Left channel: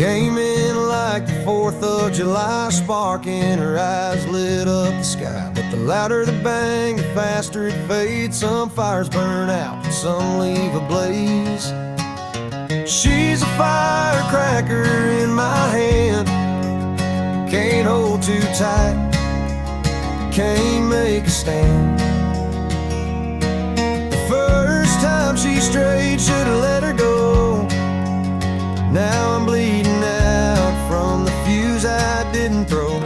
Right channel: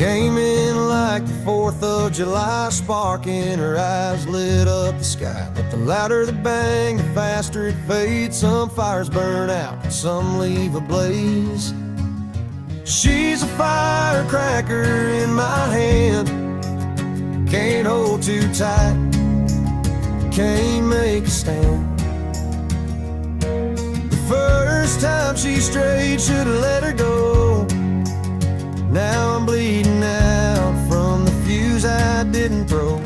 Came in like the 4th of July, spark in her eyes lit up the sky. But the louder the bang, the faster it fades. Some fires burn out, some leave ablaze. She's a firecracker in my hand, can't hold too tight, can't make a stand. The first time she strayed, should've let her go. Now I'm bleeding out from the fuse I didn't throw.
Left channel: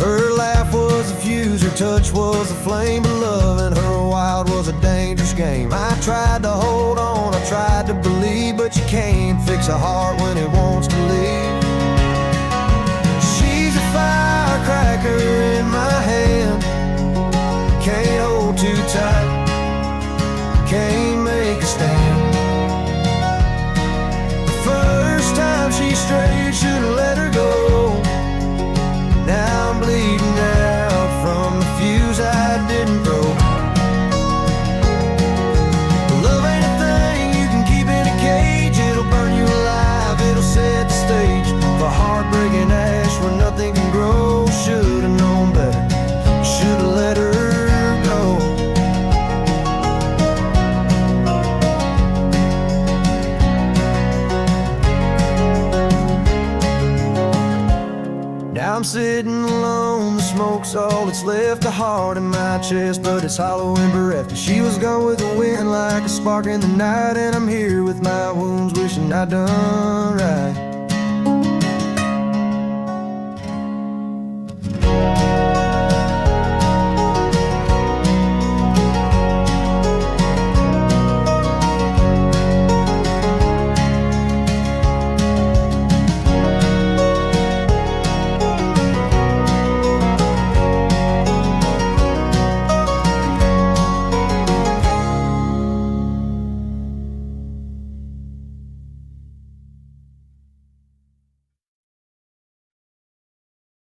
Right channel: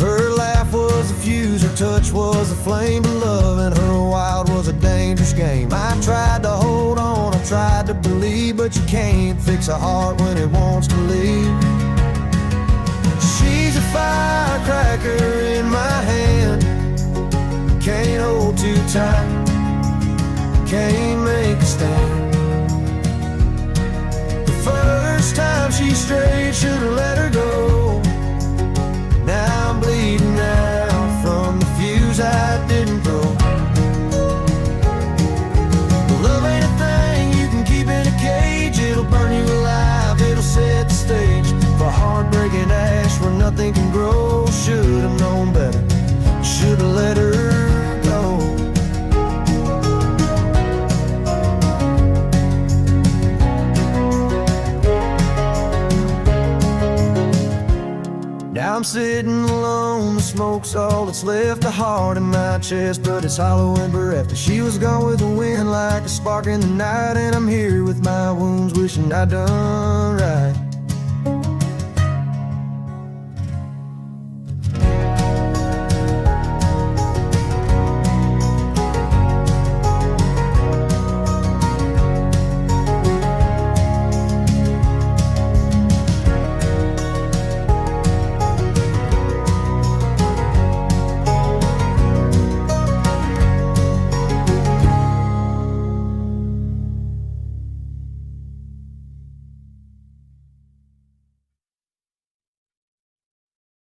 Her laugh was a fuse, her touch was a flame, but loving her wild was a dangerous game. I tried to hold on, I tried to believe, but you can't fix a heart when it wants to leave. She's a firecracker in my hand, can't hold too tight, can't make a stand. The first time she strayed, should've let her go. Now I'm bleeding out from the fuse I didn't throw. Love ain't a thing you can keep in a cage. It'll burn you alive, it'll set the stage for heartbreaking ash where nothing can grow. Should've known better, should've let her go. Now I'm sitting alone, the smoke's all that's left. The heart in my chest, but it's hollow and bereft. And she was gone with the wind like a spark in the night, and I'm here with my wounds wishing I'd done right.